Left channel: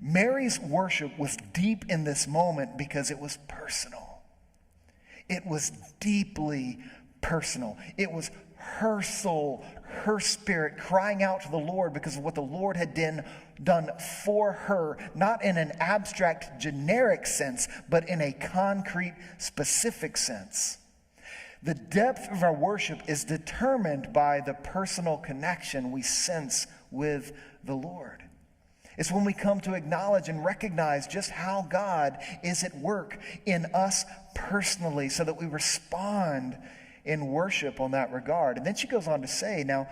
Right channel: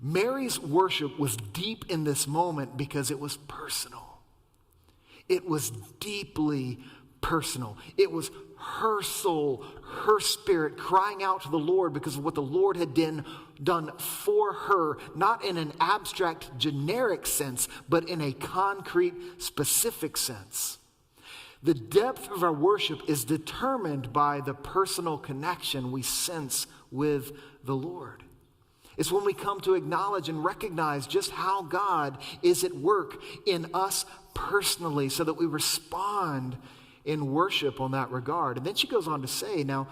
Mary's worship was deep in this moment because it was personal. It was deeply personal. It was her soul, her spirit crying out to the Lord because of what the Lord had done for her, not in an abstract, generic sense, but in a concrete, specific sense. The depth of our worship is determined by the personal connection we sense with the Lord. It's when we come to acknowledge and recognize just how God is at work in us personally so that we respond in worship on that regard. And then she goes on to say now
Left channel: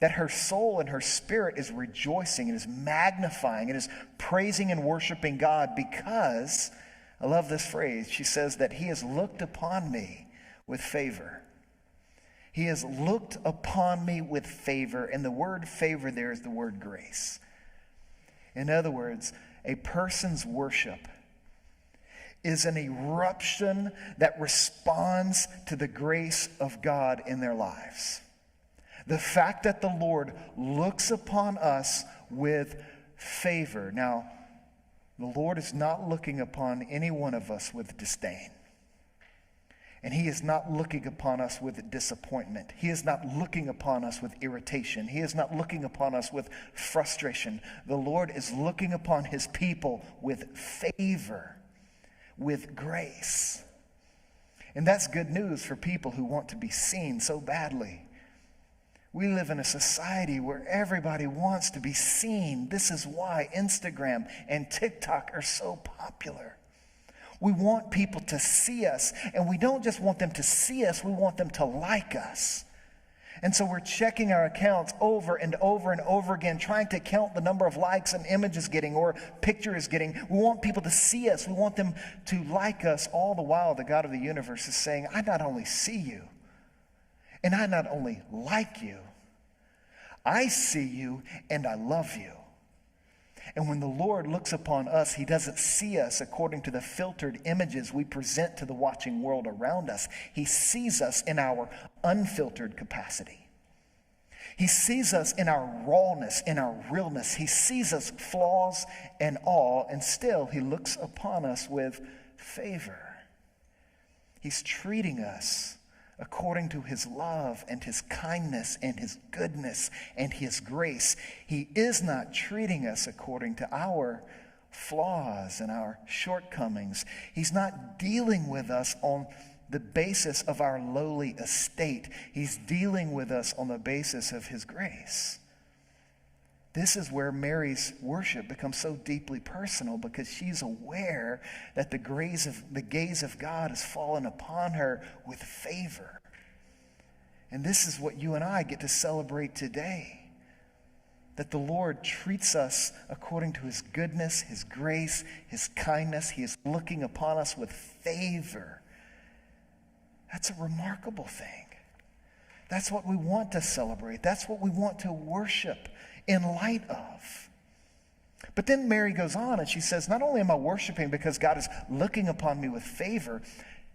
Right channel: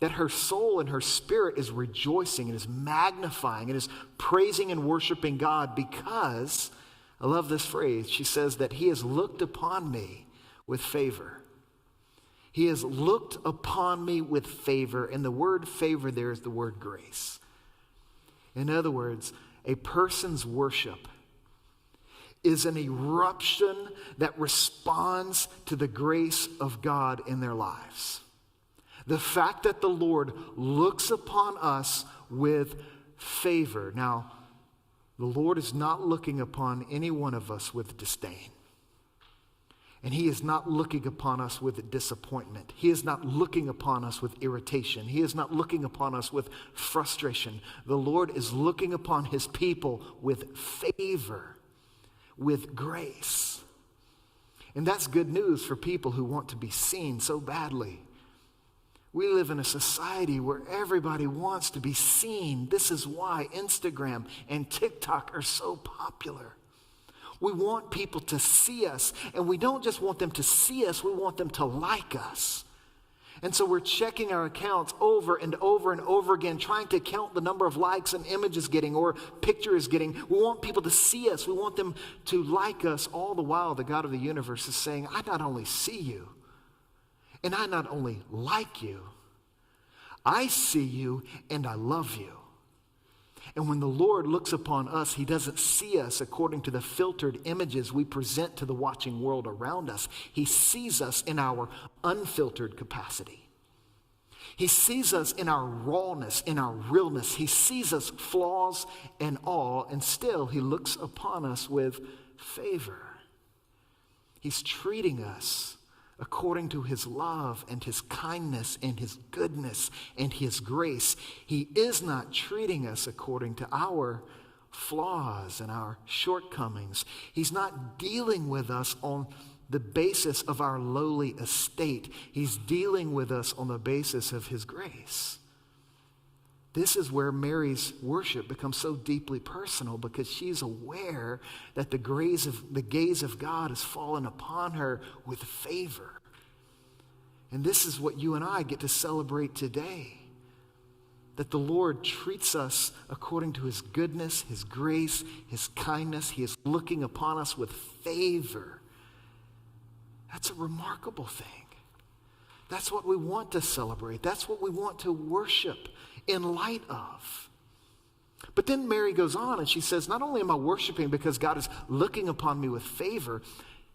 that her soul and her spirit is rejoicing and is magnifying and is praising and worshiping God because, I love this phrase, she says that he has looked upon me with favor. He has looked upon me with favor, and the word favor there is the word grace. In other words, a person's worship is an eruption that responds to the grace of God in their lives. The fact that the Lord looks upon us with favor. Now, the Lord is not looking upon any one of us with disdain. And he is not looking upon us with disappointment. He is not looking upon us with irritation. He is not looking upon us with frustration. The Lord is looking upon his people with favor, with grace. And that's good news for people who want to be seen so badly. We live in a society where everybody wants to be seen. This is why Instagram and TikTok are so popular. We want people to see us, and we don't just want them to see us, we want them to like us. And so we're checking our accounts over and over and over again, trying to count the number of likes an image is getting or picture is getting. We want people to see us. We want them to like us. All the while, the God of the universe is saying, I not only see you, and I not only like you, I see you and I love you. And when the Lord looks upon us, he doesn't see us according to the filtered images we present to the watching world around us. He sees us in our unfiltered capacity. He sees us in our rawness, in our realness. He sees us flaws and all, and still he looks upon us with favor. He's treating us according to his love and his kindness and his goodness and his grace. He is not treating us according to our flaws and our shortcomings. He's not dealing with us on the basis of our lowly estate. He's dealing with us on the basis of his grace. This is where Mary's worship becomes so deeply personal, because she's aware that the gaze of God has fallen upon her with favor. And this is what you and I get to celebrate today. That the Lord treats us according to his goodness, his grace, his kindness. He is looking upon us with favor. That's a remarkable thing. That's what we want to celebrate. That's what we want to worship in light of. But then Mary goes on and she says, not only am I worshiping because God is looking upon me with favor,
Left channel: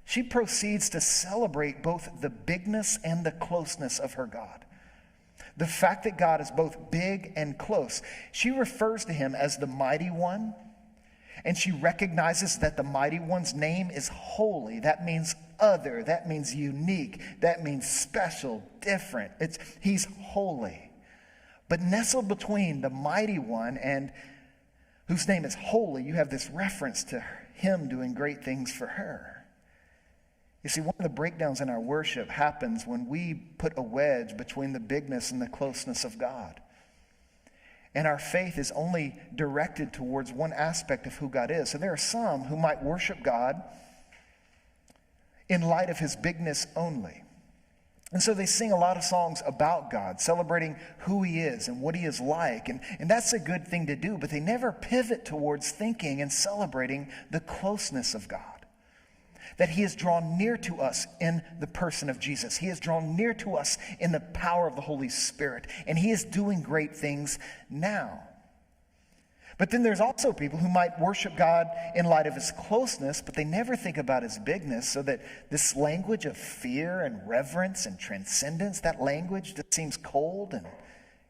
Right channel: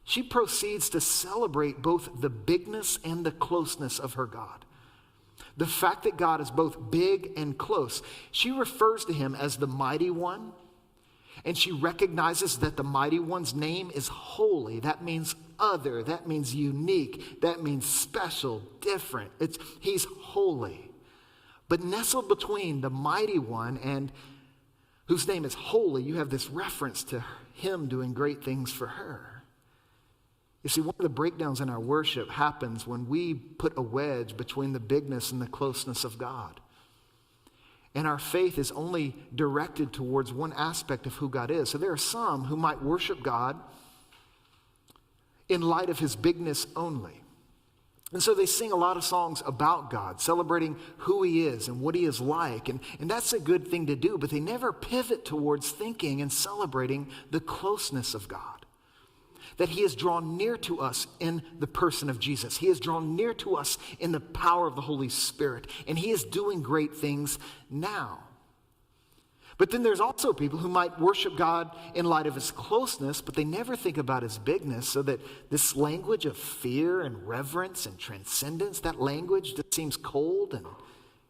she proceeds to celebrate both the bigness and the closeness of her God. The fact that God is both big and close. She refers to him as the mighty one, and she recognizes that the mighty one's name is holy. That means other. That means unique. That means special, different. He's holy. But nestled between the mighty one and whose name is holy, you have this reference to him doing great things for her. You see, one of the breakdowns in our worship happens when we put a wedge between the bigness and the closeness of God. And our faith is only directed towards one aspect of who God is. So there are some who might worship God in light of his bigness only. And so they sing a lot of songs about God, celebrating who he is and what he is like. And that's a good thing to do, but they never pivot towards thinking and celebrating the closeness of God. That he has drawn near to us in the person of Jesus. He has drawn near to us in the power of the Holy Spirit. And he is doing great things now. But then there's also people who might worship God in light of his closeness, but they never think about his bigness, so that this language of fear and reverence and transcendence, that language just seems cold and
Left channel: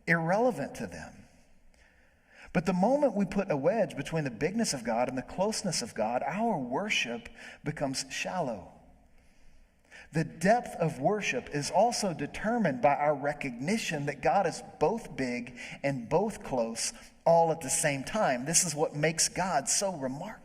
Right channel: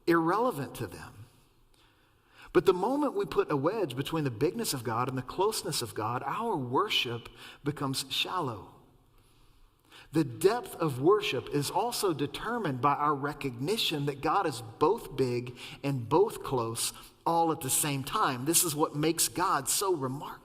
irrelevant to them. But the moment we put a wedge between the bigness of God and the closeness of God, our worship becomes shallow. The depth of worship is also determined by our recognition that God is both big and both close all at the same time. This is what makes God so remarkable.